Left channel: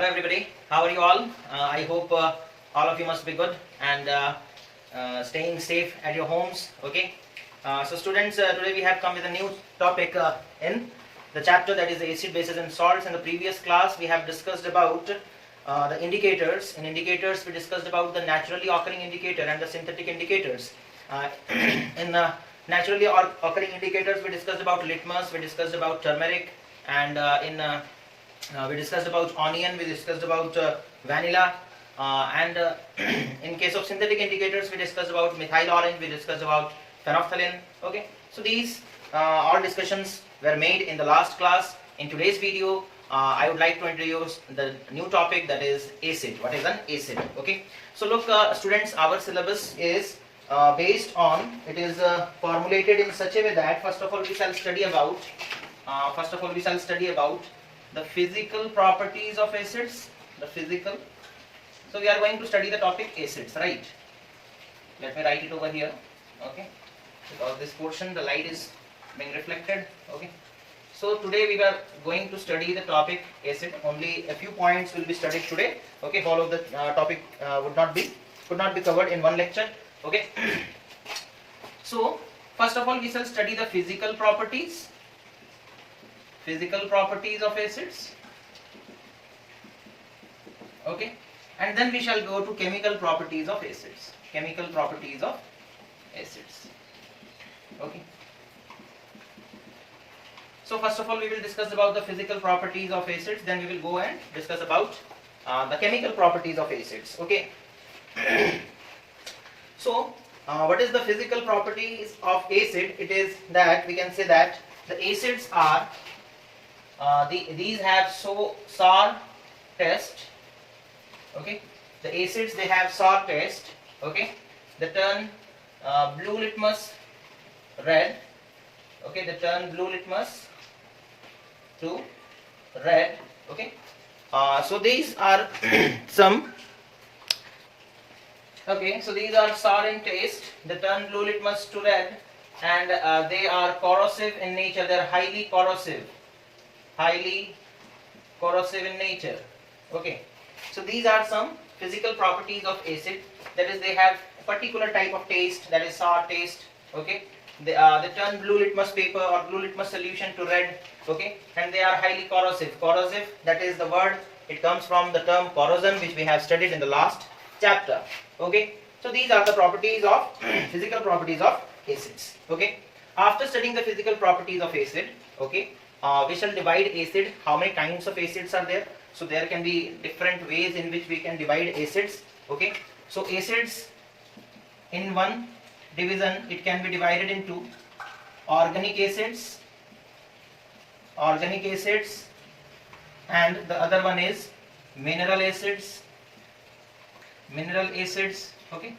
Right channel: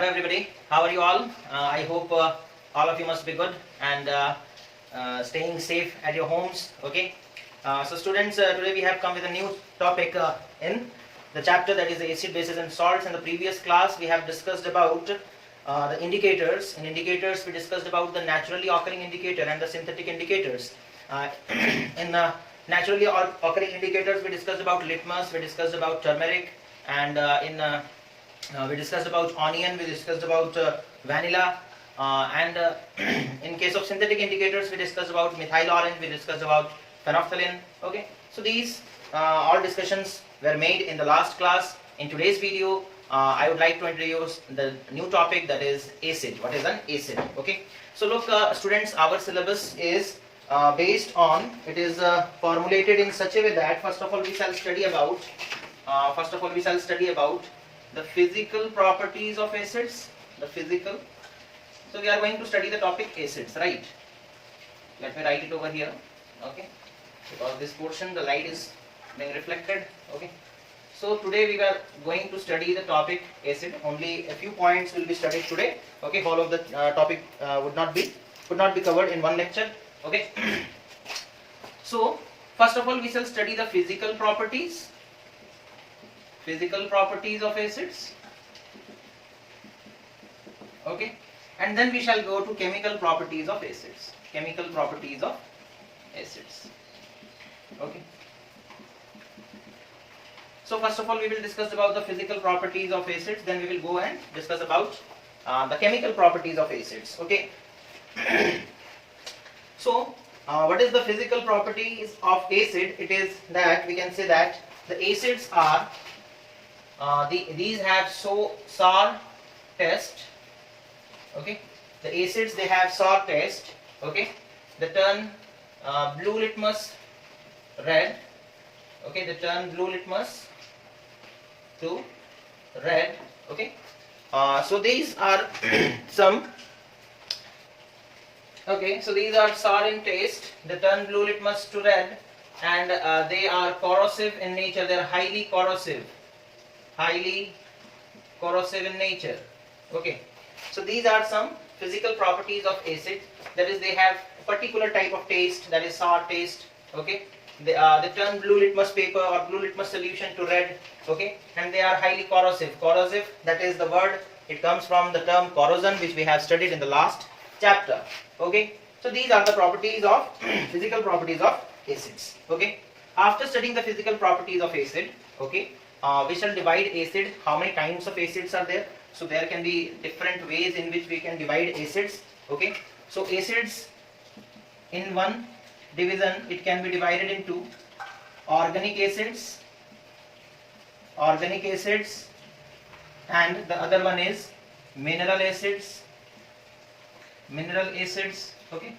Hello everybody, how are you all? I hope all of you must be good and staying safe at your homes. Okay. So students, today we have come with a new topic in the chapter, that is acid, bases and salts. In the previous class we have discussed about the indicators. In indicators we discussed about the naturally occurring indicator and the synthetic indicators. In naturally occurring indicators we discussed about litmus, we discussed about turmeric, and we discussed about onion, we discussed about vanilla, and in case of synthetic indicators we discussed about methyl orange, we discussed about phenolphthalein. Okay, so these all discussions were made in the last class. In today's video I would like to introduce the new topic, that is acid. What is an acid? Okay, so look students, our syllabus is based on, it is formulated in such a way that first of all we shall study about the physical properties of acids. So we are going to study the topic acids, right? Let me write it over here. Okay, because this portion the light is being reflected. Okay, so today we are going to study the topic acid. Only a few points will be studied today. Okay, whole of the topic could not be covered in one lecture. Okay, so first of all we shall study the physical properties of acids. Okay, and then we shall go to chemical properties of acids. Okay, so first of all we will discuss about the physical properties of acids, then we will go and discuss about the chemical properties of acids. Okay, so what is the physical properties of acid? It is that we can say that the acids are these have sour taste. Okay, the acids, they have sour taste. Okay, they turn blue litmus red. Okay, they turn blue litmus to red. Okay, so these are some. Okay, so these are sour in taste, they turn blue litmus to red, and they are corrosive in nature. They are highly corrosive in nature. Okay, so these are some physical properties of acid, that is they have a particular type of taste, that is sour taste. Okay, they turn blue litmus paper or blue litmus solution to red. Okay, and they are highly corrosive. That is the word, it comes from the term corrosion, which we have studied in the last chapter. Okay, so these are the properties of physical properties of acids. Okay, after studying the physical properties of acid, okay, we shall divide acid. How many kinds of acids are there? So there can be different ways in which we can divide acids. Okay, so acids in one division, it can be divided into organic acids, and the other one is mineral acids. Okay,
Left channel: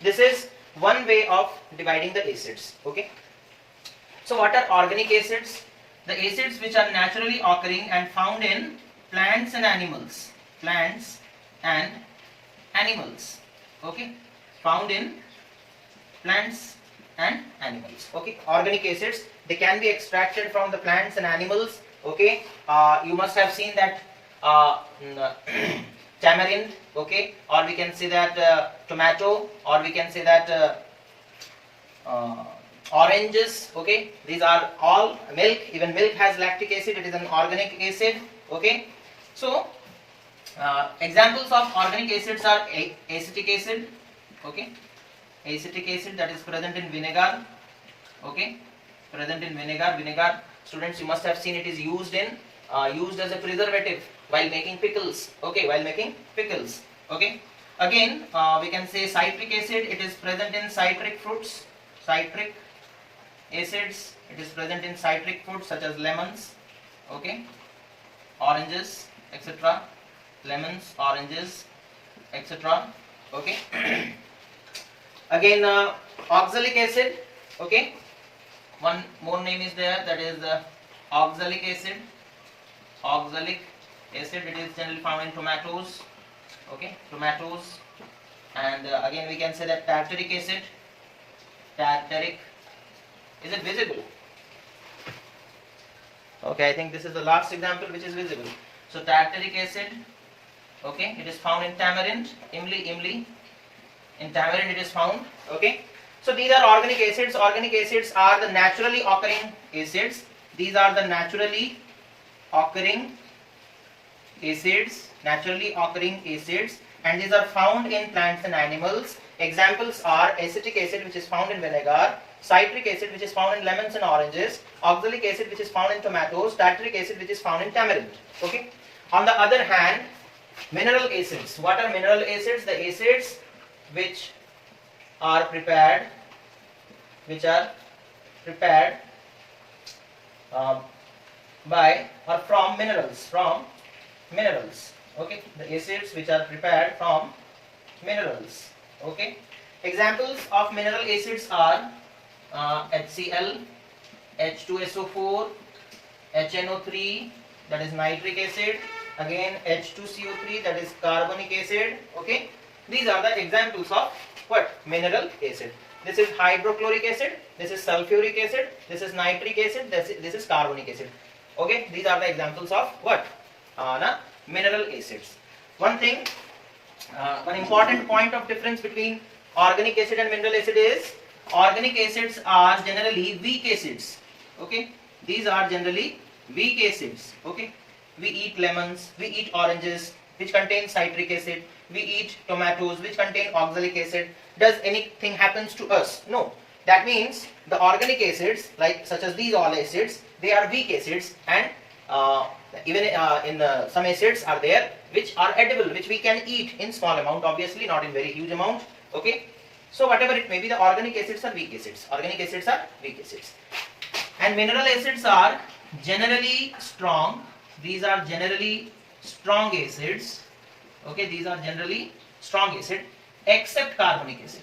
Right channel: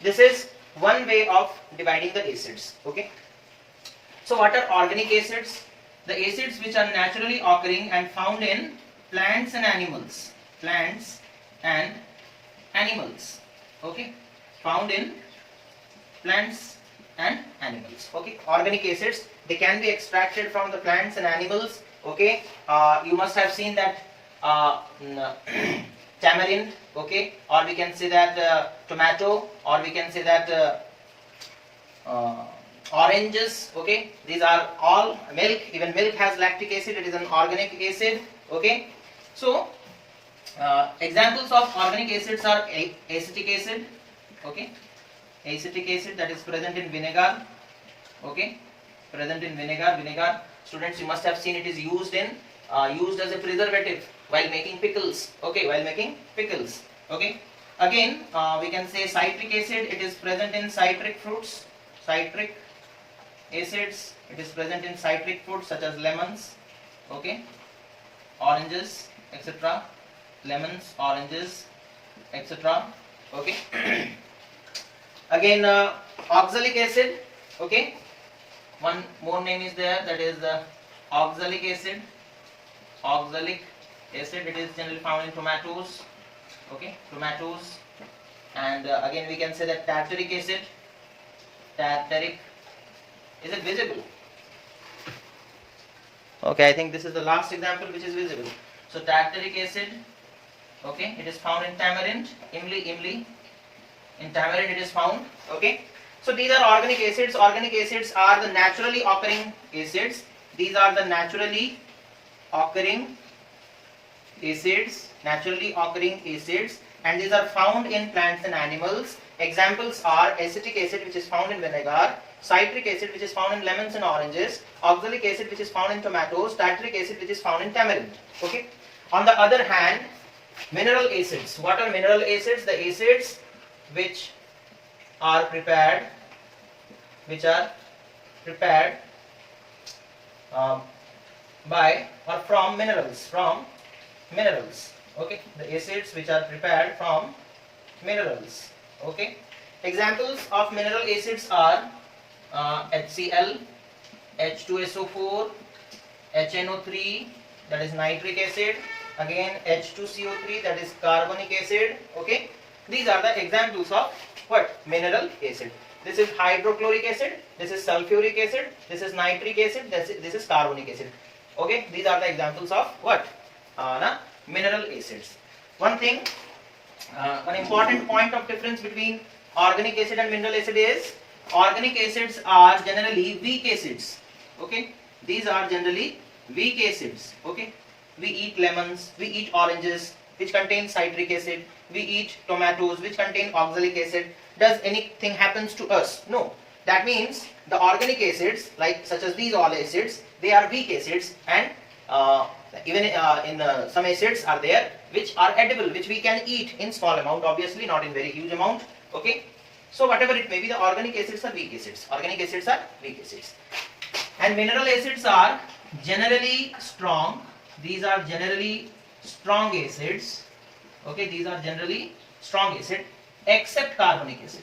this is one way of dividing the acids. Okay, so what are organic acids? The acids which are naturally occurring and found in plants and animals. Okay, found in plants and animals. Okay, organic acids, they can be extracted from the plants and animals. Okay, you must have seen that tamarind, okay, or we can say that tomato, or we can say that oranges. Okay, these are all milk. Even milk has lactic acid, it is an organic acid. Okay, so examples of organic acids are acetic acid. Okay, acetic acid, that is present in vinegar. Okay, vinegar, students, you must have seen it is used as a preservative while making pickles. Okay, Okay, again we can say citric acid, it is present in citric fruits. Citric acids, it is present in citric fruits such as lemons, okay, oranges, etc. Okay, again oxalic acid. Okay, one more name is there, that is oxalic acid. It is generally found in tomatoes. Okay, and again we can say that tartaric acid. Is it visible? Okay, I think this is the last example which is visible. So tartaric acid, okay, it is found in tamarind, imli, in tamarind it is found, okay. So these are organic acids. Organic acids are the naturally occurring acids. These are the naturally occurring acids, and these are found in plants and animals. Examples are acetic acid, which is found in vinegar, citric acid, which is found in lemons and oranges, oxalic acid, which is found in tomatoes, tartaric acid, which is found in tamarind. Okay. On the other hand, mineral acids. What are mineral acids? The acids which are prepared by or from minerals. Okay. The acids which are prepared from minerals. Okay. Examples of mineral acids are HCl, H2SO4, HNO3, that is nitric acid, again H2CO3, that is carbonic acid. Okay. These are the examples of what? Mineral acid. This is hydrochloric acid, this is sulfuric acid, this is nitric acid, this is carbonic acid. Okay. These are the examples of what? Mineral acids. One thing, one important point of difference between organic acid and mineral acid is organic acids are generally weak acids. Okay. These are generally weak acids. Okay. We eat lemons, we eat oranges, which contain citric acid. We eat tomatoes, which contain oxalic acid. Does anything happens to us? No. That means the organic acids, like such as these all acids, they are weak acids, and even some acids are there which are edible, which we can eat in small amount, obviously not in very huge amount. Okay. So whatever it may be, the organic acids are weak acids. And mineral acids are generally strong. These are generally strong acids. Okay, these are generally strong acid, except carbonic acid.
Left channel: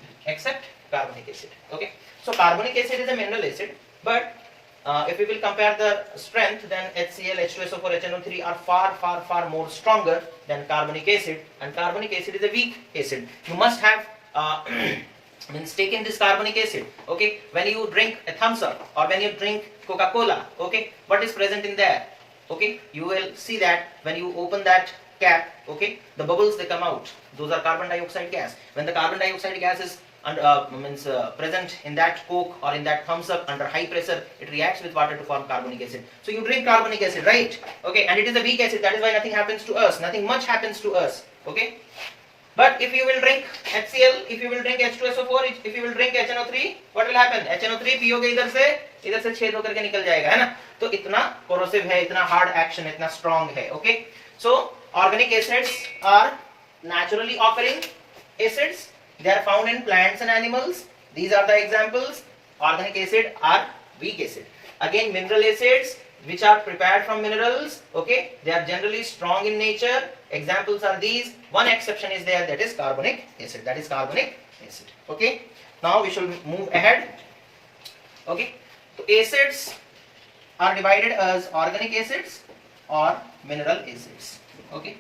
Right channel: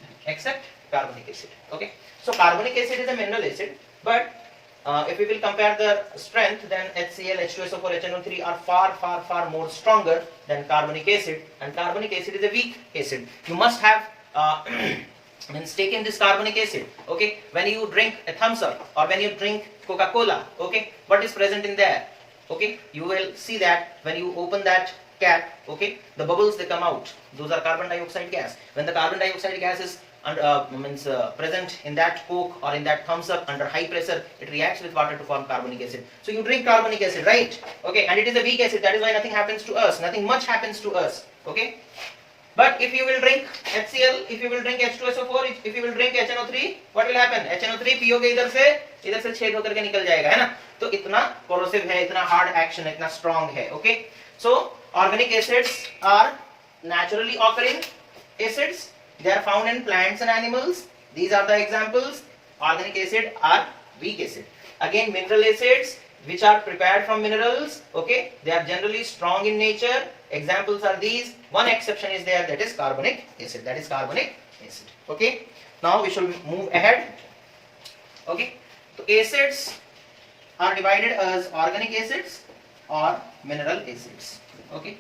Okay, so carbonic acid is a mineral acid, but if we will compare the strength, then HCl, H2SO4, HNO3 are far more stronger than carbonic acid, and carbonic acid is a weak acid. You must have taken this carbonic acid. Okay, when you drink a thumbs up or when you drink Coca-Cola, okay, what is present in there? Okay, you will see that when you open that cap, okay, the bubbles they come out, those are carbon dioxide gas. When the carbon dioxide gas is present in that Coke or in that thumbs up under high pressure, it reacts with water to form carbonic acid. So you drink carbonic acid, right? Okay, and it is a weak acid, that is why nothing happens to us, nothing much happens to us. Okay, but if you will drink HCl, if you will drink H2SO4, if you will drink HNO3, what will happen? HNO3 पियोगे इधर से छेद होकर के निकल जाएगा, है ना? तो इतना corrosive है, इतना hard action है, इतना strong है. Okay, so organic acids are naturally occurring acids. They are found in plants and animals. These are the examples. Organic acid are weak acid. Again, mineral acids, which are prepared from minerals. Okay, they are generally strong in nature. Examples are these. One exception is there, that is carbonic acid. Okay, now we shall move ahead. Okay, so acids are divided as organic acids or mineral acids. Okay,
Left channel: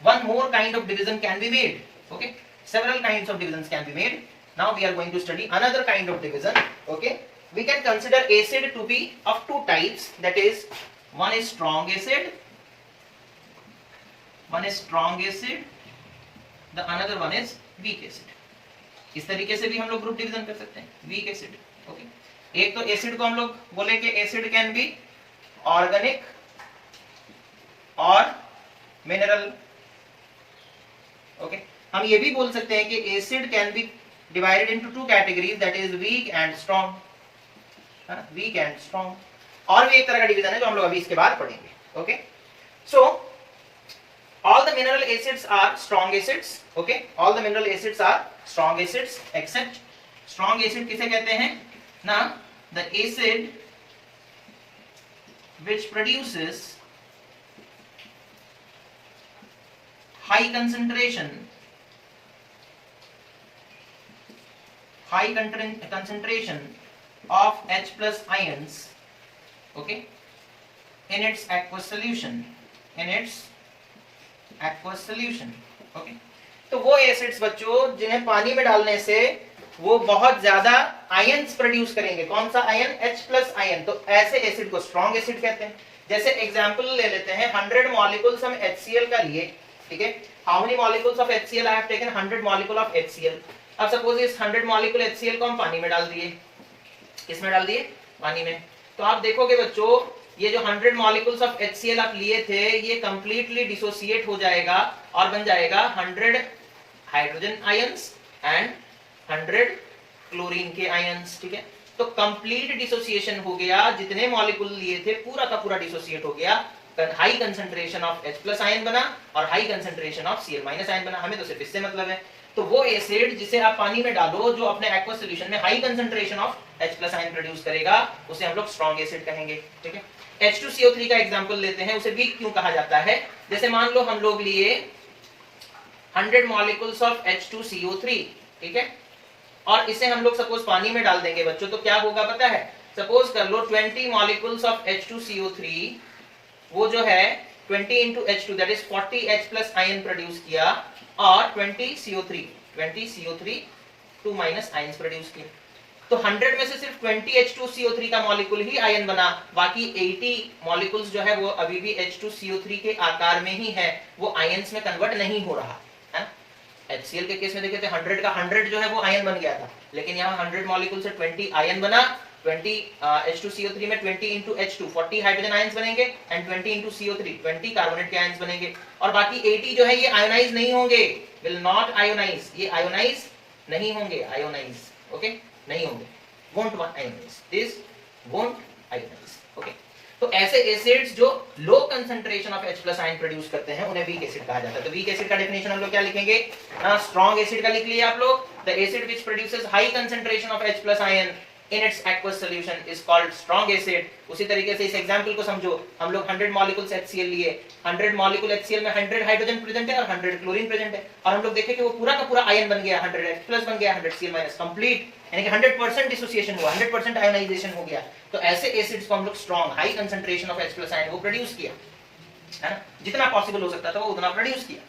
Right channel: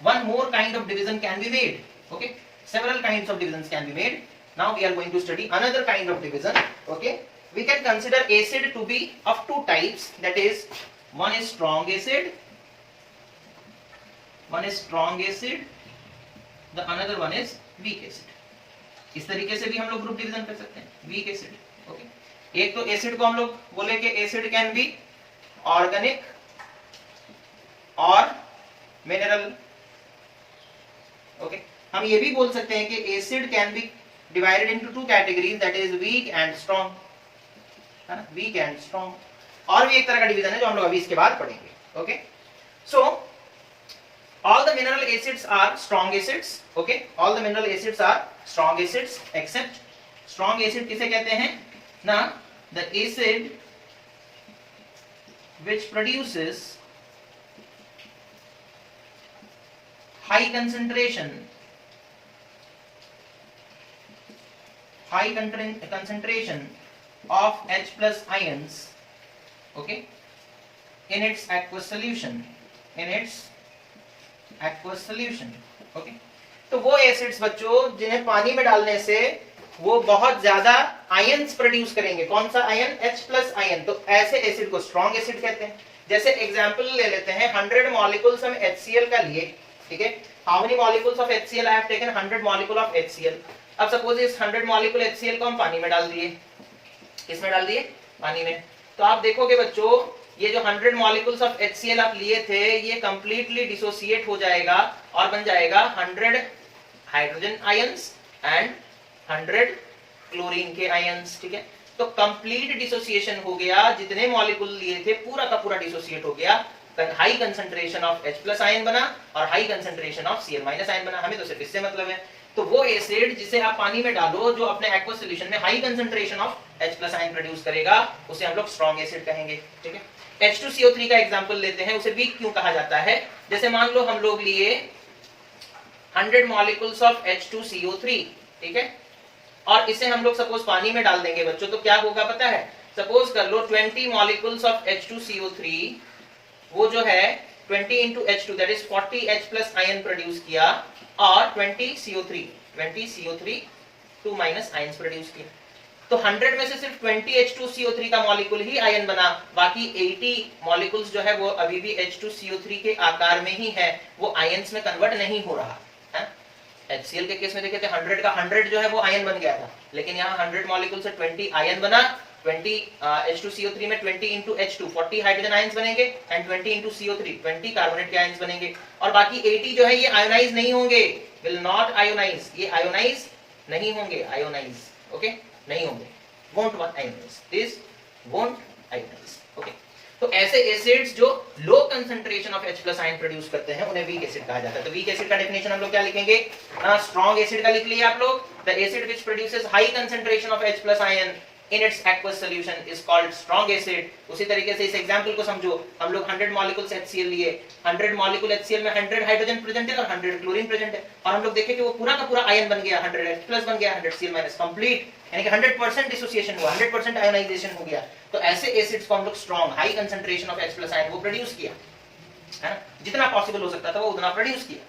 one more kind of division can be made. Okay, several kinds of divisions can be made. Now we are going to study another kind of division. Okay, we can consider acid to be of two types, that is, one is strong acid, the another one is weak acid. इस तरीके से भी हम लोग group division कर सकते हैं, weak acid. Okay, एक तो एसिड को हम लोग बोले कि एसिड कैन बी ऑर्गेनिक और मिनरल. ओके, हम ये भी बोल सकते हैं कि acid can be divided into two categories, that is weak and strong. Weak and strong. और भी एक तरह का डिवीजन है जो हम लोग अभी इसके बाद पढ़ेंगे. Okay, so all the mineral acids are strong acids. Okay, all the mineral acids are strong acids except strong acid किसे कहते हैं ना, the acid which produces high concentration of H plus ions, okay, in its aqueous solution, okay. तो वो acids बच्चों जिन्हें पानी में डालने से वो बहुत ज्यादा आयंस प्रोड्यूस करेंगे. कौन सा आयन? H plus ion. तो ऐसे एसिड को स्ट्रॉन्ग एसिड कहते हैं. जैसे एग्जांपल ले लेते हैं 100 मॉलिक्यूल्स हम HCl का लिए, ठीक है, how many molecules of HCl I have taken 100 molecule of HCl। अब सपोज इस 100 मॉलिक्यूल HCl को हम पानी में डाल दिए, किसमें डाल दिए, पानी में, तो आप देखोगे बच्चों ये जो 100 मॉलिक्यूल्स ऑफ HCl आप लिए थे ये कंप्लीटली डिसोसिएट हो जाएगा और बन जाएगा 100 हाइड्रोजन आयंस एंड 100 क्लोरीन के आयंस, ठीक है। तो कंप्लीट डिसोसिएशन हो गया, जितने मॉलिक्यूल लिए थे पूरा का पूरा डिसोसिएट हो गया, high concentration of H+ ion बना और high concentration of Cl- ion बना। हमें तो सिर्फ इससे मतलब है। तो वो एसिड जिसे आप पानी में डालो जो अपने एक्वस सॉल्यूशन में high concentration of H+ ion produce करेगा उसे हम लोग स्ट्रॉन्ग एसिड कहेंगे, ठीक है। H2CO3 का एग्जांपल लेते हैं, उसे वीक क्यों कहा जाता है। जैसे मान लो हम लोग लिए 100 मॉलिक्यूल्स ऑफ H2CO3, ठीक है, और इसे हम लोग सपोज पानी में डाल देंगे बच्चों, तो क्या होगा पता है, सपोज कर लो 20 मॉलिक्यूल्स ऑफ H2CO3 वो जो है 20 into H2 that is 40 H+ ion produce किया और 20 CO3 2 माइनस आयंस प्रोड्यूस किए। तो 100 में से सिर्फ 20 H2CO3 का मॉलिक्यूल ही आयन बना, बाकी 80 मॉलिक्यूल्स जो है वो अभी भी H2CO3 के आकार में ही है, वो आयंस में कन्वर्ट नहीं हो रहा है। HCl के केस में देखे थे 100 का 100 जो है वो आयन बन गया था, लेकिन यहाँ 100 मॉलिक्यूल से 20 आयन बना, 20 H2CO3 में 20 into H2 40 हाइड्रोजन आयंस बनेंगे एंड 20 into CO3 20 कार्बोनेट के आयंस बनेंगे, और बाकी 80 जो है ये आयोनाइज नहीं होंगे, विल नॉट आयोनाइज, ये आयोनाइज नहीं होंगे, आयोनाइज ओके नहीं होंगे, won't ionize, this won't ionize, okay। तो ऐसे एसिड्स जो low concentration of H+ ion produce करते हैं उन्हें वीक एसिड कहा जाता है। तो वीक एसिड का डेफिनेशन हम लोग क्या लिखेंगे, स्ट्रॉन्ग एसिड का लिख लिया आप लोग, the acid which produces high concentration of H+ ion in its aqueous solution is called strong acid। उसी तरीके से इस एग्जांपल को समझो, हम लोग 100 मॉलिक्यूल्स HCl लिए, 100 मॉलिक्यूल HCl में 100 हाइड्रोजन प्रेजेंट है और 100 क्लोरीन प्रेजेंट है, और हम लोग देखें कि वो पूरा का पूरा आयन बन गया, 100 H+ बन गया, 100 Cl- कंप्लीट, यानी कि 100% डिसोसिएशन हुआ, 100% आयोनाइजेशन हो गया। तो ऐसे एसिड्स को हम लोग strong high concentration of H+ ion वो प्रोड्यूस किया, है ना, जितना पॉसिबल हो सकता था वो उतना प्रोड्यूस किया।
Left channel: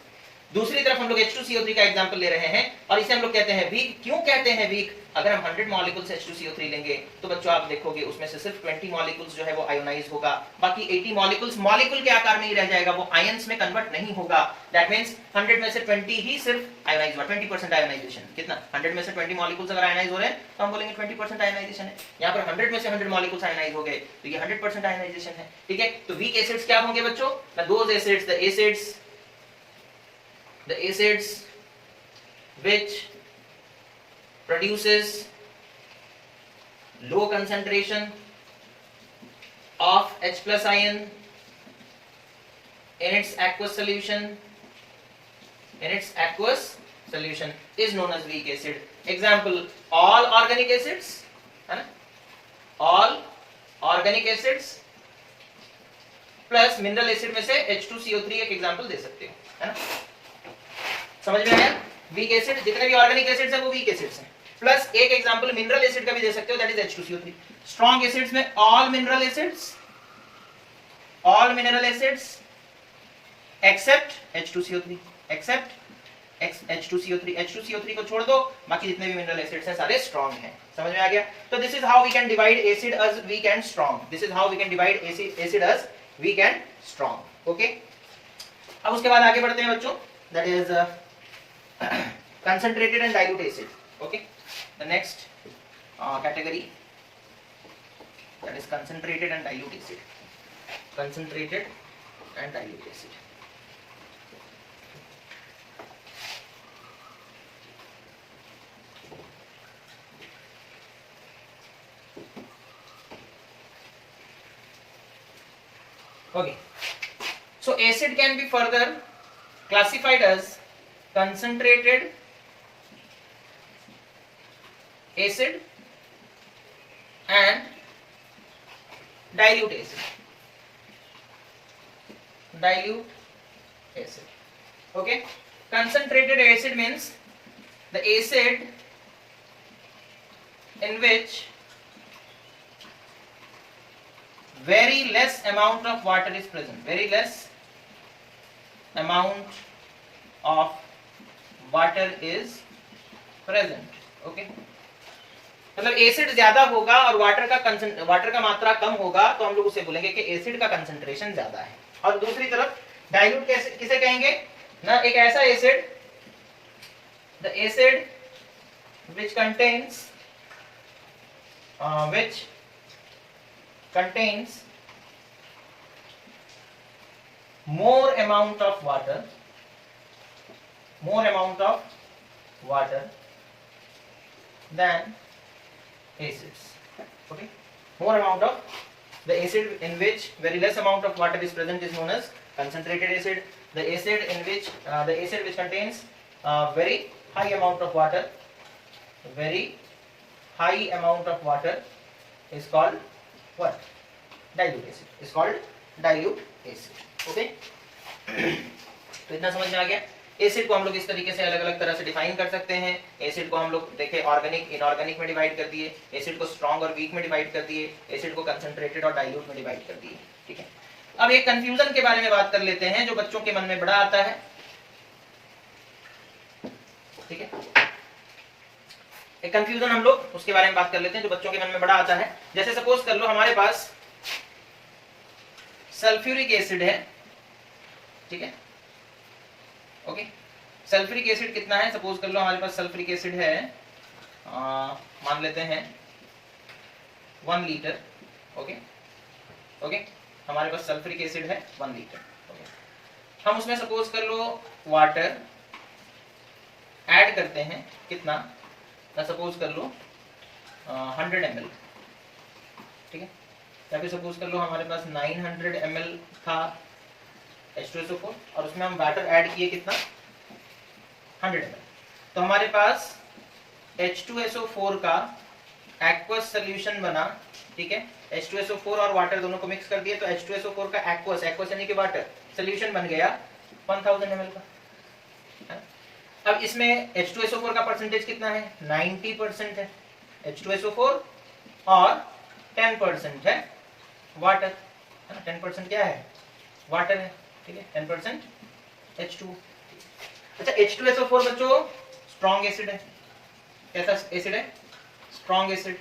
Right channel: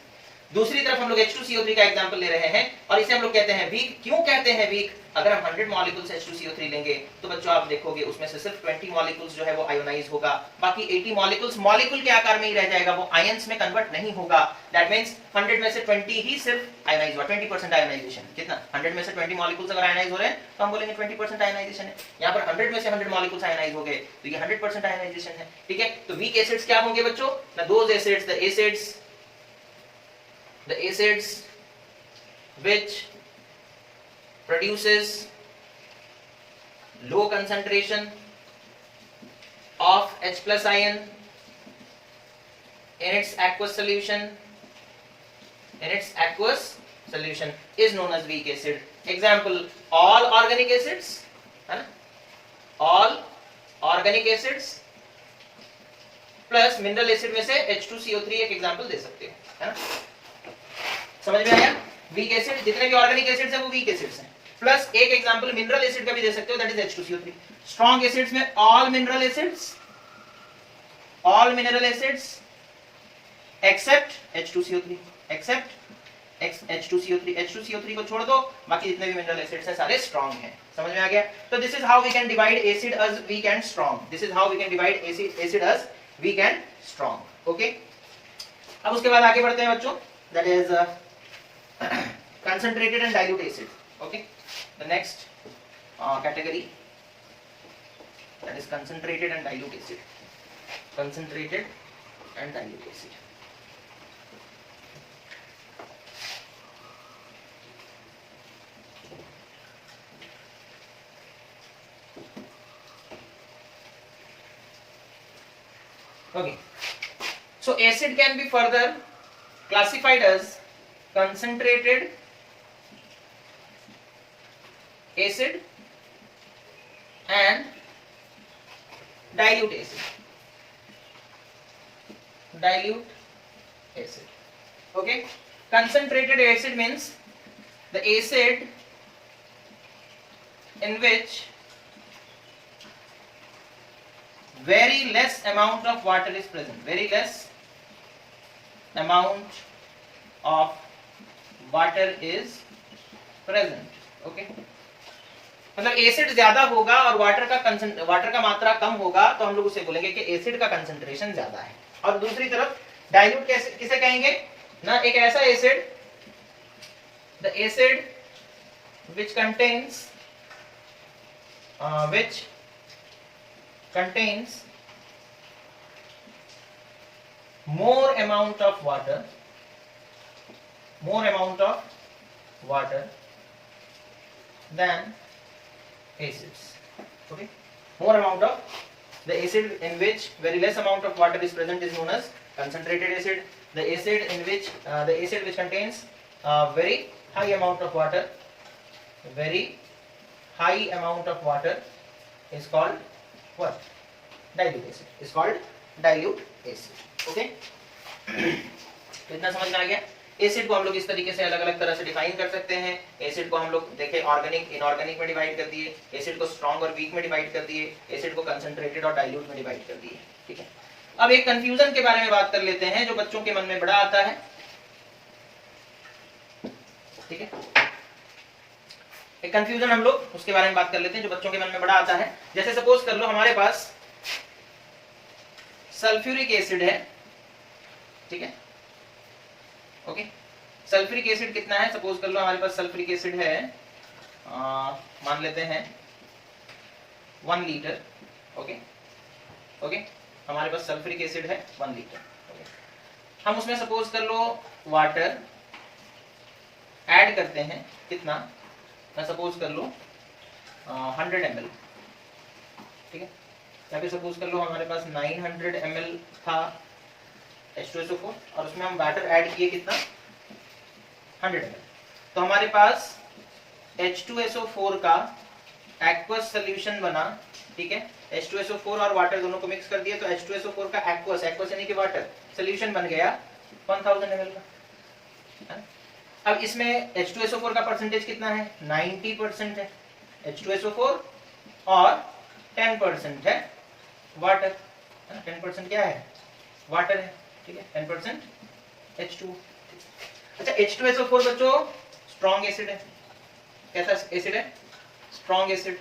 दूसरी तरफ हम लोग H2CO3 का एग्जांपल ले रहे हैं और इसे हम लोग कहते हैं वीक। क्यों कहते हैं वीक, अगर हम 100 मॉलिक्यूल्स H2CO3 लेंगे तो बच्चों आप देखोगे उसमें से सिर्फ 20 मॉलिक्यूल्स जो है वो आयोनाइज होगा, बाकी 80 मॉलिक्यूल्स मॉलिक्यूल के आकार में ही रह जाएगा, वो आयंस में कन्वर्ट नहीं होगा। दैट मींस 100 में से 20 ही सिर्फ आयोनाइज हुआ, 20% आयोनाइजेशन। कितना, 100 में से 20 मॉलिक्यूल्स अगर आयोनाइज हो रहे हैं तो हम बोलेंगे 20% आयोनाइजेशन है। यहाँ पर 100 में से 100 मॉलिक्यूल्स आयोनाइज हो गए तो ये 100% आयोनाइजेशन है, ठीक है। तो वीक एसिड्स क्या होंगे बच्चों, those acids, the acids which produces low concentration of H+ ion in its aqueous solution is known as weak acid। Example, all organic acids, है ना, all organic acids plus mineral acid में से H2CO3 एक example दे सकते हो, है ना, समझ में आया। वीक एसिड जितने भी ऑर्गेनिक एसिड्स हैं वो वीक एसिड्स हैं, प्लस एक एग्जांपल मिनरल एसिड का भी दे सकते हो, that is H2CO3। Strong acids में all mineral acids except H2CO3, H2CO3 को छोड़ दो, बाकी जितने भी मिनरल एसिड्स हैं सारे स्ट्रॉन्ग हैं। समझ में आ गया। तो this is how we can divide acid as weak and strong, this is how we can divide acid as weak and strong, okay. अब उसके बाद आगे बढ़ते हैं बच्चों, that is concentrated and dilute acid, okay। The next category, that is concentrated and dilute acid, okay। So acid can be further classified as concentrated acid and dilute acid, okay। Concentrated acid means the acid in which very less amount of water is present, very less amount of water is present, okay। मतलब acid ज्यादा होगा और water का मात्रा कम होगा तो हम लोग उसे बोलेंगे कि एसिड का कंसंट्रेशन ज्यादा है। और दूसरी तरफ डाइल्यूट किसे कहेंगे ना, एक ऐसा acid, the acid which contains more amount of water than acids. Okay, more amount of the acid in which very less amount of water is present is known as concentrated acid. The acid in which the acid which contains very high amount of water is called what? Dilute acid. Is called dilute acid. Okay. तो इतना समझ में आ गया। Acid को हम लोग इस तरीके से अलग अलग तरह से डिफाइन कर सकते हैं। एसिड को हम लोग देखे ऑर्गेनिक इनऑर्गेनिक में डिवाइड कर दिए, एसिड को स्ट्रॉन्ग और वीक में डिवाइड कर दिए, एसिड को कंसंट्रेटेड और डाइल्यूट में डिवाइड कर दिए। ठीक है, अब एक कंफ्यूजन के बारे में बात कर लेते हैं जो बच्चों के मन में बड़ा आता है। ठीक है, एक कंफ्यूजन हम लोग उसके बारे में बात कर लेते हैं जो बच्चों के मन में बड़ा आता है। जैसे सपोज कर लो हमारे पास सल्फ्यूरिक एसिड है। ठीक है, ओके, सल्फ्यूरिक एसिड कितना है, सपोज कर लो हमारे पास सल्फ्यूरिक एसिड है मान लेते हैं 1 लीटर। ओके ओके, हमारे पास सल्फ्यूरिक एसिड है 1 लीटर। ओके, हम उसमें सपोज कर लो वाटर ऐड करते हैं कितना, सपोज कर लो 100 ml। ठीक है, या फिर सपोज कर लो हमारे पास 900 ml था H2SO4 और उसमें हम वाटर ऐड किए कितना 100 ml। तो हमारे पास H2SO4 का एक्वस सोल्यूशन बना। ठीक है, H2SO4 और वाटर दोनों को मिक्स कर दिए तो H2SO4 का एक्वस यानी कि वाटर सोल्यूशन बन गया 1000 ml का। अब इसमें H2SO4 का परसेंटेज कितना है, 90% है H2SO4 और 10% है वाटर। 10% क्या है, वाटर है। ठीक है, 10% H2। अच्छा, H2SO4 बच्चों स्ट्रॉन्ग एसिड है। कैसा एसिड है, स्ट्रॉन्ग एसिड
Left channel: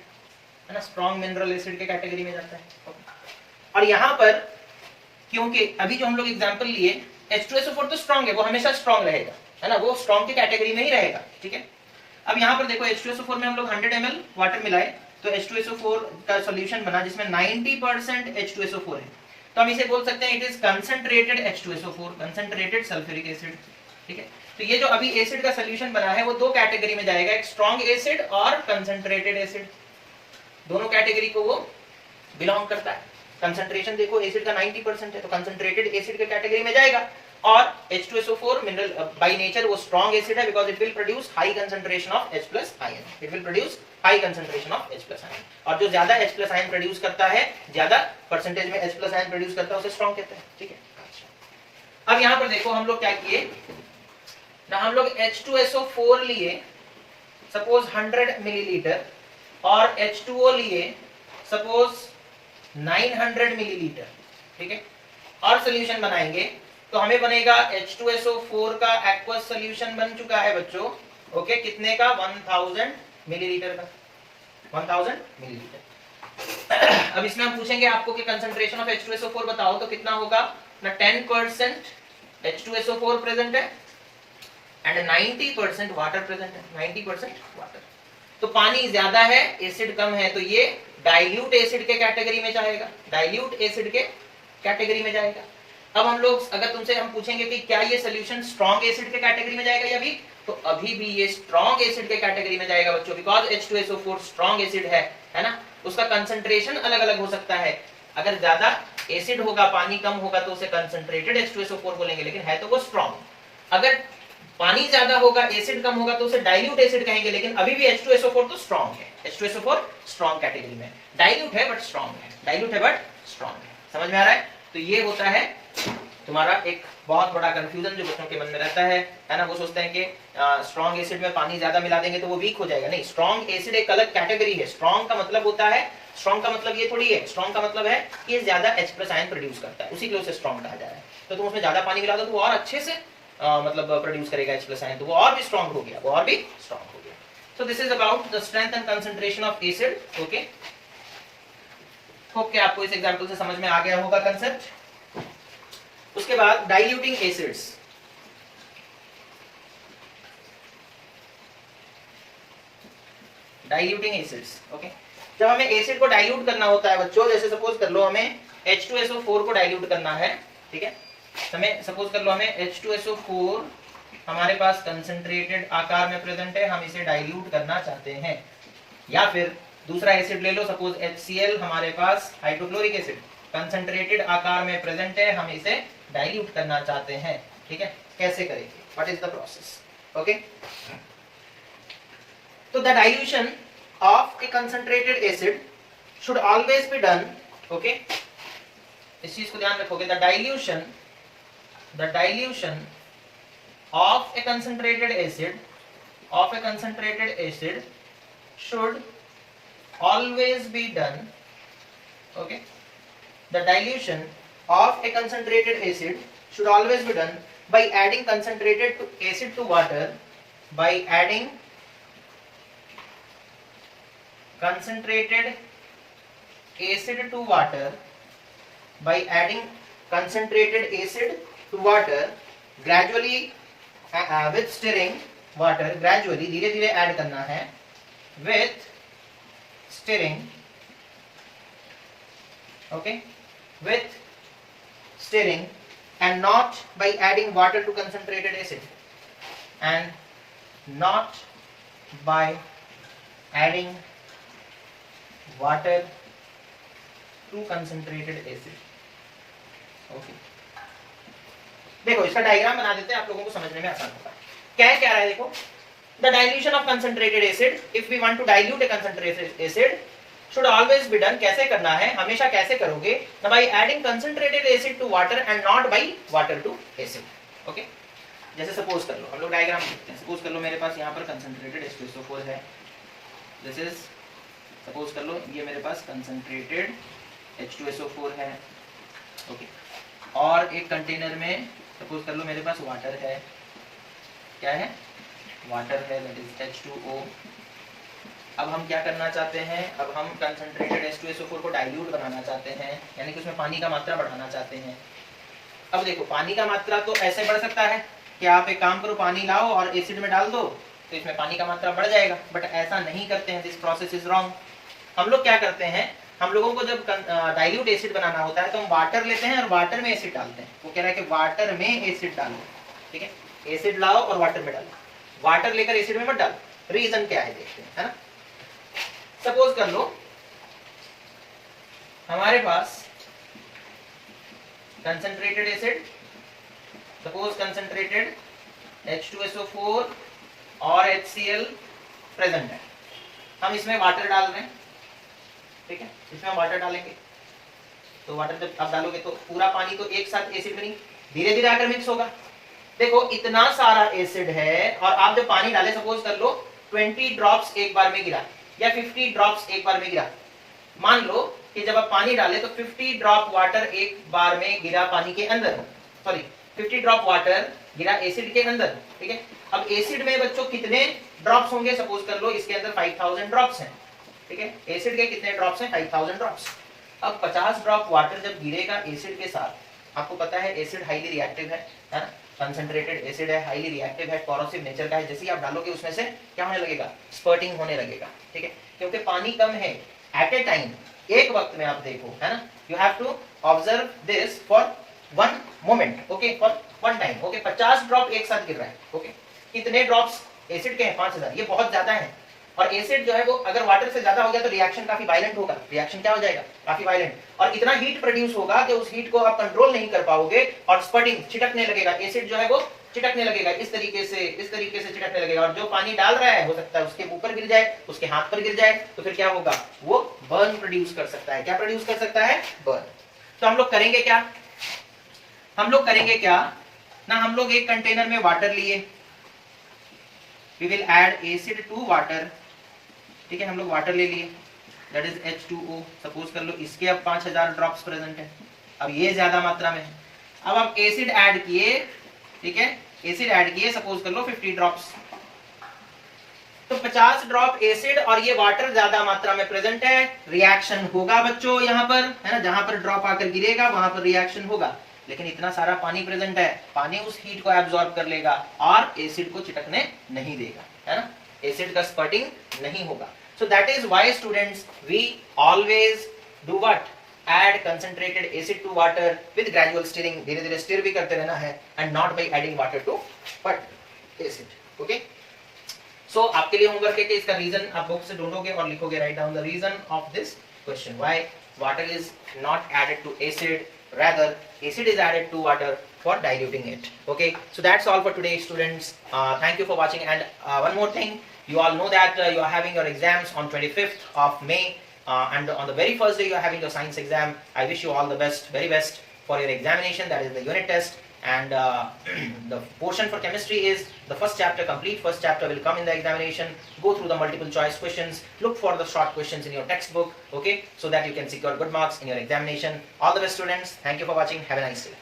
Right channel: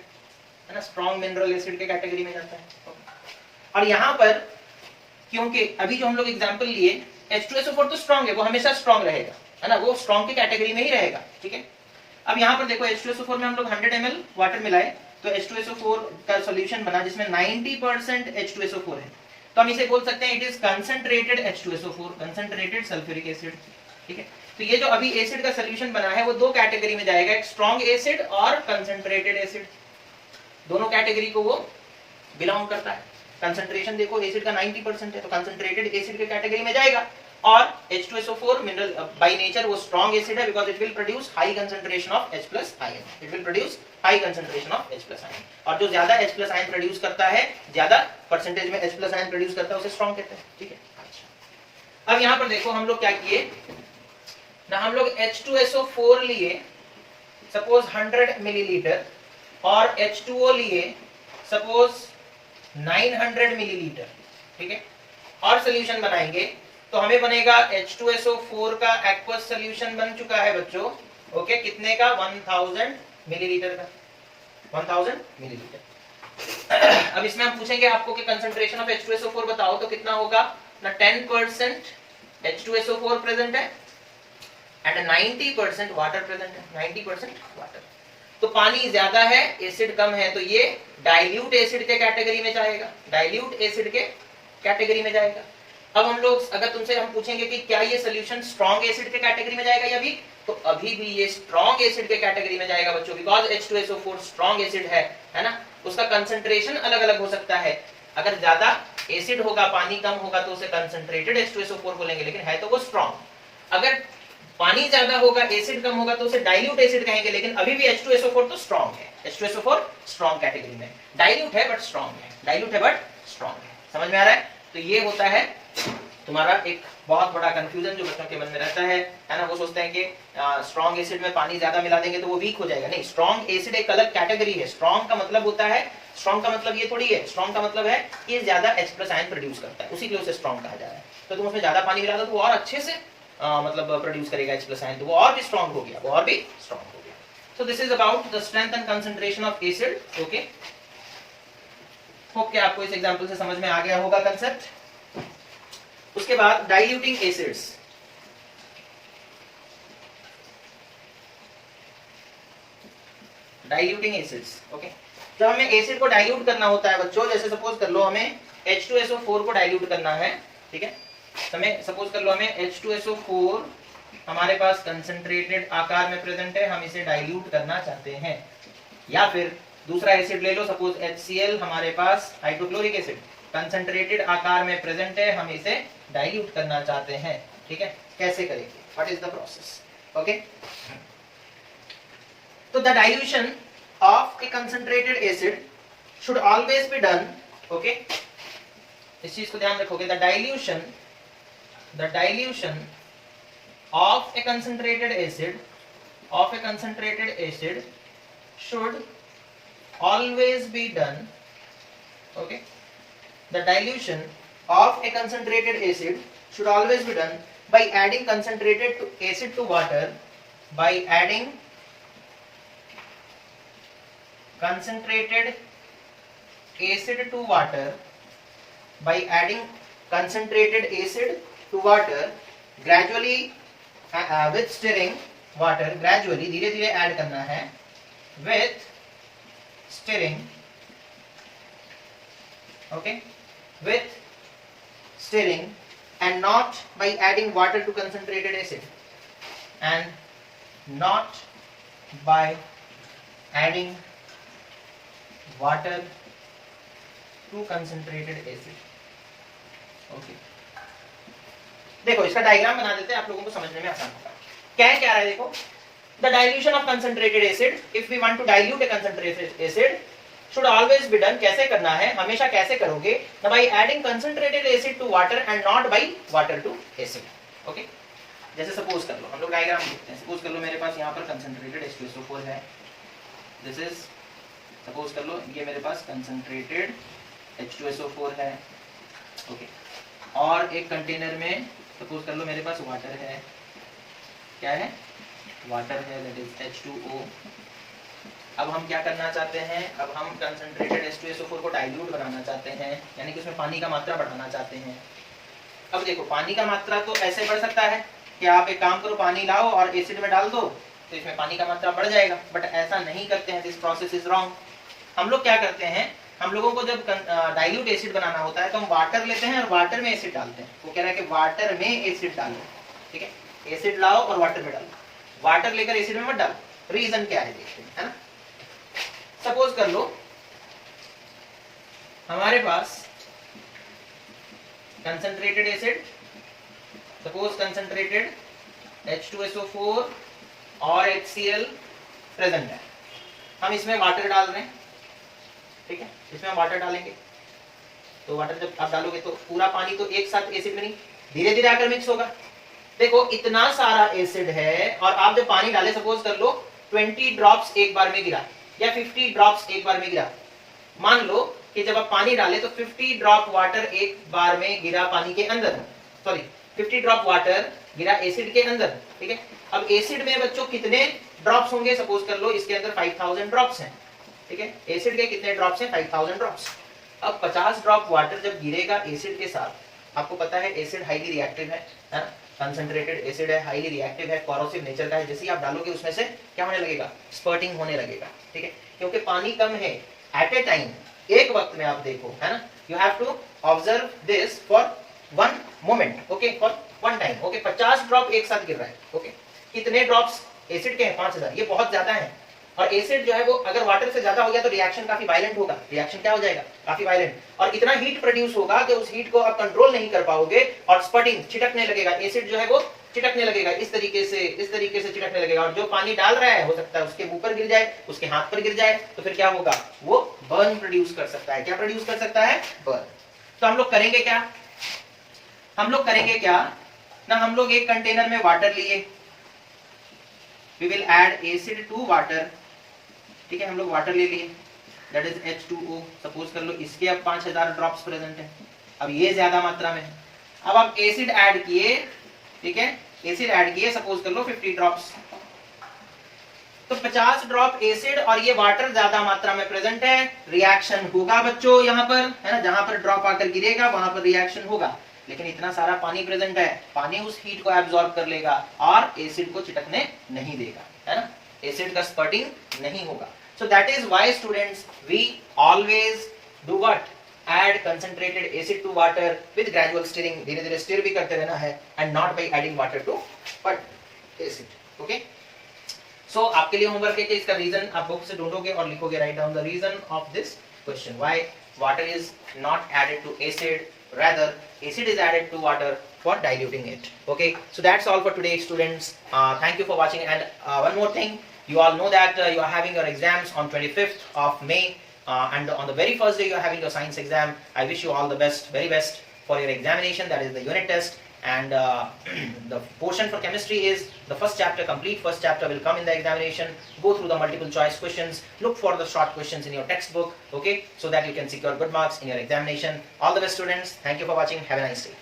है ना, स्ट्रॉन्ग मिनरल एसिड के कैटेगरी में जाता है। और यहां पर क्योंकि अभी जो हम लोग एग्जांपल लिए H2SO4 तो स्ट्रॉन्ग है, वो हमेशा स्ट्रॉन्ग रहेगा है ना, वो स्ट्रॉन्ग की कैटेगरी में ही रहेगा। ठीक है, अब यहाँ पर देखो H2SO4 में हम लोग 100 ml वाटर मिलाए तो H2SO4 का सॉल्यूशन बना जिसमें 90% H2SO4 है। तो हम इसे बोल सकते हैं it is concentrated H2SO4, concentrated sulphuric acid. ठीक है, तो ये जो अभी एसिड का सॉल्यूशन बना है वो दो कैटेगरी में जाएगा, एक स्ट्रॉन्ग एसिड और कंसंट्रेटेड एसिड। दोनों कैटेगरी को वो बिलोंग करता है। कंसंट्रेशन देखो एसिड का 90% है तो कंसंट्रेटेड एसिड के कैटेगरी में जाएगा। और H2SO4 मिनरल बाय नेचर वो स्ट्रॉन्ग एसिड है because it will produce high concentration of H+ ion. It will produce high concentration of H+ ion, और जो ज्यादा H+ आयन प्रोड्यूस करता है, ज्यादा परसेंटेज में H+ आयन प्रोड्यूस करता है उसे स्ट्रॉन्ग कहते हैं। ठीक है, अच्छा, अब यहां पर देखो हम लोग क्या किए ना, हम लोग H2SO4 लिए सपोज 100 मिलीलीटर और H2O लिए सपोज 900 मिलीलीटर। ठीक है, और सॉल्यूशन बनाएंगे तो हमें बनेगा H2SO4 का एक्वस सॉल्यूशन बन चुका है बच्चों। ओके, कितने का, 1000 मिलीलीटर का, 1000 मिलीलीटर। अब इसमें हम पूछेंगे आपको कि कंसंट्रेशन ऑफ H2SO4 बताओ तो कितना होगा ना, 10% H2SO4 प्रेजेंट है एंड 90% वाटर प्रेजेंट है, 90% वाटर। तो पानी ज्यादा है एसिड कम है तो ये डाइल्यूट एसिड के कैटेगरी में जाएगा, डाइल्यूट एसिड के कैटेगरी में जाएगा। अब हम लोग अगर तुमसे हम पूछेंगे कि क्या ये सोल्यूशन स्ट्रॉन्ग एसिड के कैटेगरी में जाएगा या वीक, तो अभी भी ये स्ट्रॉन्ग एसिड के कैटेगरी में जाएगा बच्चों, बिकॉज H2SO4 स्ट्रॉन्ग एसिड है ना, उसका कंसंट्रेशन अलग अलग हो सकता है। अगर ज्यादा एसिड होगा, पानी कम होगा तो उसे कंसंट्रेटेड H2SO4 बोलेंगे, लेकिन है तो वो स्ट्रॉन्ग। अगर पानी ज्यादा होगा, एसिड कम होगा तो उसे डाइल्यूट एसिड कहेंगे, लेकिन अभी भी H2SO4 तो स्ट्रॉन्ग है। H2SO4 स्ट्रॉन्ग कैटेगरी में, डाइल्यूट है बट स्ट्रॉन्ग है, डाइल्यूट है बट स्ट्रॉन्ग है। समझ में आ रहा है? तो ये होता है तुम्हारा एक बहुत बड़ा कंफ्यूजन जो बच्चों के मन में रहता है ना। वो सोचते हैं कि स्ट्रॉन्ग एसिड में पानी ज्यादा मिला देंगे तो वो वीक हो जाएगा। नहीं, स्ट्रॉन्ग एसिड एक अलग कैटेगरी है। स्ट्रॉन्ग का मतलब होता है, स्ट्रॉन्ग का मतलब ये थोड़ी है, स्ट्रॉन्ग का मतलब है कि ज्यादा H+ आयन प्रोड्यूस करता है, उसी के लिए उसे स्ट्रॉन्ग कहा जा रहा है। तो तुम उसमें ज्यादा पानी मिला दो तो वो और अच्छे से मतलब प्रोड्यूस करेगा H+ आयन, तो वो और भी स्ट्रॉन्ग हो गया, वो और भी स्ट्रॉन्ग हो गया। So this is about the strength and concentration of acid. Okay. Hope कि आपको इस एग्जांपल से समझ में आ गया होगा कंसेप्ट। उसके बाद diluting acids. Diluting acids, okay. जब हमें एसिड को डाइल्यूट करना होता है बच्चों, जैसे सपोज कर लो हमें H2SO4 को डाइल्यूट करना है, ठीक है। हमें सपोज कर लो हमें H2SO4 हमारे पास कंसंट्रेटेड आकार में प्रेजेंट है, हम इसे डाइल्यूट करना चाहते हैं। या फिर दूसरा एसिड ले लो, सपोज HCl हमारे पास हाइड्रोक्लोरिक एसिड कंसंट्रेटेड आकार में प्रेजेंट है, हम इसे डाइल्यूट करना चाहते हैं, ठीक है। कैसे करेंगे, what is the process, okay. तो the dilution of a concentrated acid should always be done, okay. इस चीज को ध्यान रखोगे, the dilution of a concentrated acid should always be done, okay. The dilution of a concentrated acid should always be done by adding concentrated acid to water, by adding concentrated acid to water, by adding concentrated acid to water gradually with stirring water, gradually धीरे धीरे add करना है, with stirring, okay, with stirring and not by adding water to concentrated acid, and not by adding water to concentrated acid, okay। देखो इसका diagram बना देते हैं, आप लोगों को समझने में आसान होगा। क्या है क्या रहा है, देखो, the dilution of concentrated acid, if we want to dilute a concentrated acid should always be done, कैसे करना है, हमेशा कैसे करोगे, by adding concentrated acid to water and not by water to acid, okay. जैसे सपोज कर लो, हम लोग डायग्राम देखते हैं। सपोज कर लो मेरे पास यहाँ पर कंसंट्रेटेड H2SO4 है, दिस इज, सपोज कर लो ये मेरे पास कंसंट्रेटेड H2SO4 है, ओके। और एक कंटेनर में सपोज कर लो मेरे पास वाटर है, क्या है, वाटर है, दैट इज H2O। अब हम क्या करना चाहते हैं, अब हम कंसंट्रेटेड H2SO4 को डाइल्यूट बनाना चाहते हैं, यानी कि उसमें पानी का मात्रा बढ़ाना चाहते हैं। अब देखो पानी का मात्रा तो ऐसे बढ़ सकता है कि आप एक काम करो, पानी लाओ और एसिड में डाल दो तो इसमें पानी का मात्रा बढ़ जाएगा, बट ऐसा नहीं करते हैं, दिस प्रोसेस इज रॉन्ग। हम लोग क्या करते हैं, हम लोगों को जब डाइल्यूट एसिड बनाना होता है तो हम वाटर लेते हैं और वाटर में एसिड डालते हैं। वो कह रहा है कि वाटर में एसिड डालो, ठीक है, एसिड लाओ और वाटर में डालो, वाटर लेकर एसिड में मत डालो। रीजन क्या है देखते हैं, है ना। सपोज कर लो हमारे पास concentrated acid, suppose concentrated H2SO4 और HCl प्रेजेंट है, हम इसमें वाटर डाल रहे हैं, ठीक है, इसमें हम वाटर डालेंगे। तो वाटर जब आप डालोगे तो पूरा पानी तो एक साथ एसिड में नहीं, धीरे धीरे आकर मिक्स होगा। देखो इतना सारा एसिड है और आप जब पानी डाले, सपोज कर लो 20 ड्रॉप्स एक बार में गिरा या 50 ड्रॉप्स एक बार में गिरा। मान लो कि जब आप पानी डाले तो 50 ड्रॉप वाटर एक बार में गिरा पानी के अंदर, सॉरी 50 ड्रॉप वाटर गिरा एसिड के अंदर, ठीक है। अब एसिड में बच्चों कितने ड्रॉप्स होंगे, सपोज कर लो इसके अंदर 5000 ड्रॉप्स हैं, ठीक है। एसिड के कितने ड्रॉप्स हैं, 5000 ड्रॉप्स। अब 50 ड्रॉप वाटर जब गिरेगा एसिड के साथ, आपको पता है एसिड हाईली रिएक्टिव है ना, कंसंट्रेटेड एसिड है, हाईली रिएक्टिव है, कोरोसिव नेचर का है। जैसे ही आप डालोगे उसमें से क्या होने लगेगा, स्पर्टिंग होने लगेगा, ठीक है, क्योंकि पानी कम है एट ए टाइम, एक वक्त में। आप देखो, है ना, you have to observe this for one moment, okay, for one time, okay. 50 drop एक साथ गिर रहा है, ओके। कितने ड्रॉप्स एसिड के हैं, 5000, ये बहुत ज्यादा है। और एसिड जो है वो अगर वाटर से ज्यादा हो गया तो रिएक्शन काफी वायलेंट होगा, रिएक्शन क्या हो जाएगा, काफी वायलेंट, और इतना हीट प्रोड्यूस होगा कि उस हीट को आप कंट्रोल नहीं कर पाओगे और स्पर्टिंग, छिटकने लगेगा, एसिड जो है वो चिटकने लगेगा, इस तरीके से चिटकने लगेगा। और जो पानी डाल रहा है हो सकता है उसके मुंह पर गिर जाए, उसके हाथ पर गिर जाए, तो फिर क्या होगा, वो बर्न प्रोड्यूस कर सकता है। क्या प्रोड्यूस कर सकता है, बर्न। तो हम लोग करेंगे क्या, ना हम लोग एक कंटेनर में वाटर लिए, we will add acid to water, ठीक है। हम लोग वाटर ले लिए, दैट इज H2O, सपोज कर लो इसके अब 5000 ड्रॉप्स प्रेजेंट है, अब ये ज्यादा मात्रा में है। अब आप एसिड ऐड किए, ठीक है, एसिड ऐड किए, सपोज कर लो 50 ड्रॉप्स। तो 50 ड्रॉप एसिड और ये वाटर ज्यादा मात्रा में प्रेजेंट है, रिएक्शन होगा बच्चों यहाँ पर, है ना, जहां पर ड्रॉप आकर गिरेगा वहां पर रिएक्शन होगा। लेकिन इतना सारा पानी प्रेजेंट है, पानी उस हीट को एब्जॉर्ब कर लेगा और एसिड को चिटकने नहीं देगा, है ना, एसिड का स्पर्टिंग नहीं होगा। So that is why students we always do what, add concentrated acid to water with gradual stirring, धीरे धीरे स्टिर भी करते रहना है, and not by adding water to but acid. Okay, so आपके लिए होमवर्क है कि इसका रीजन आप बुक से ढूंढोगे और लिखोगे, write down the reason of this question, why water is not added to acid, rather acid is added to water for diluting it. Okay, so that's all for today students. Thank you for watching, and one more thing, you all know that you are having your exams on 25th of May. And on the very first day you are having your science exam. I wish you all the best, very best for your examination, that is the unit test. And the portion for chemistry is the first chapter, complete first chapter will come in the examination. Go through the multiple choice questions, look for the short questions in your textbook, okay, so that you can secure good marks in your examination. All the best students, thank you for watching, have a nice day.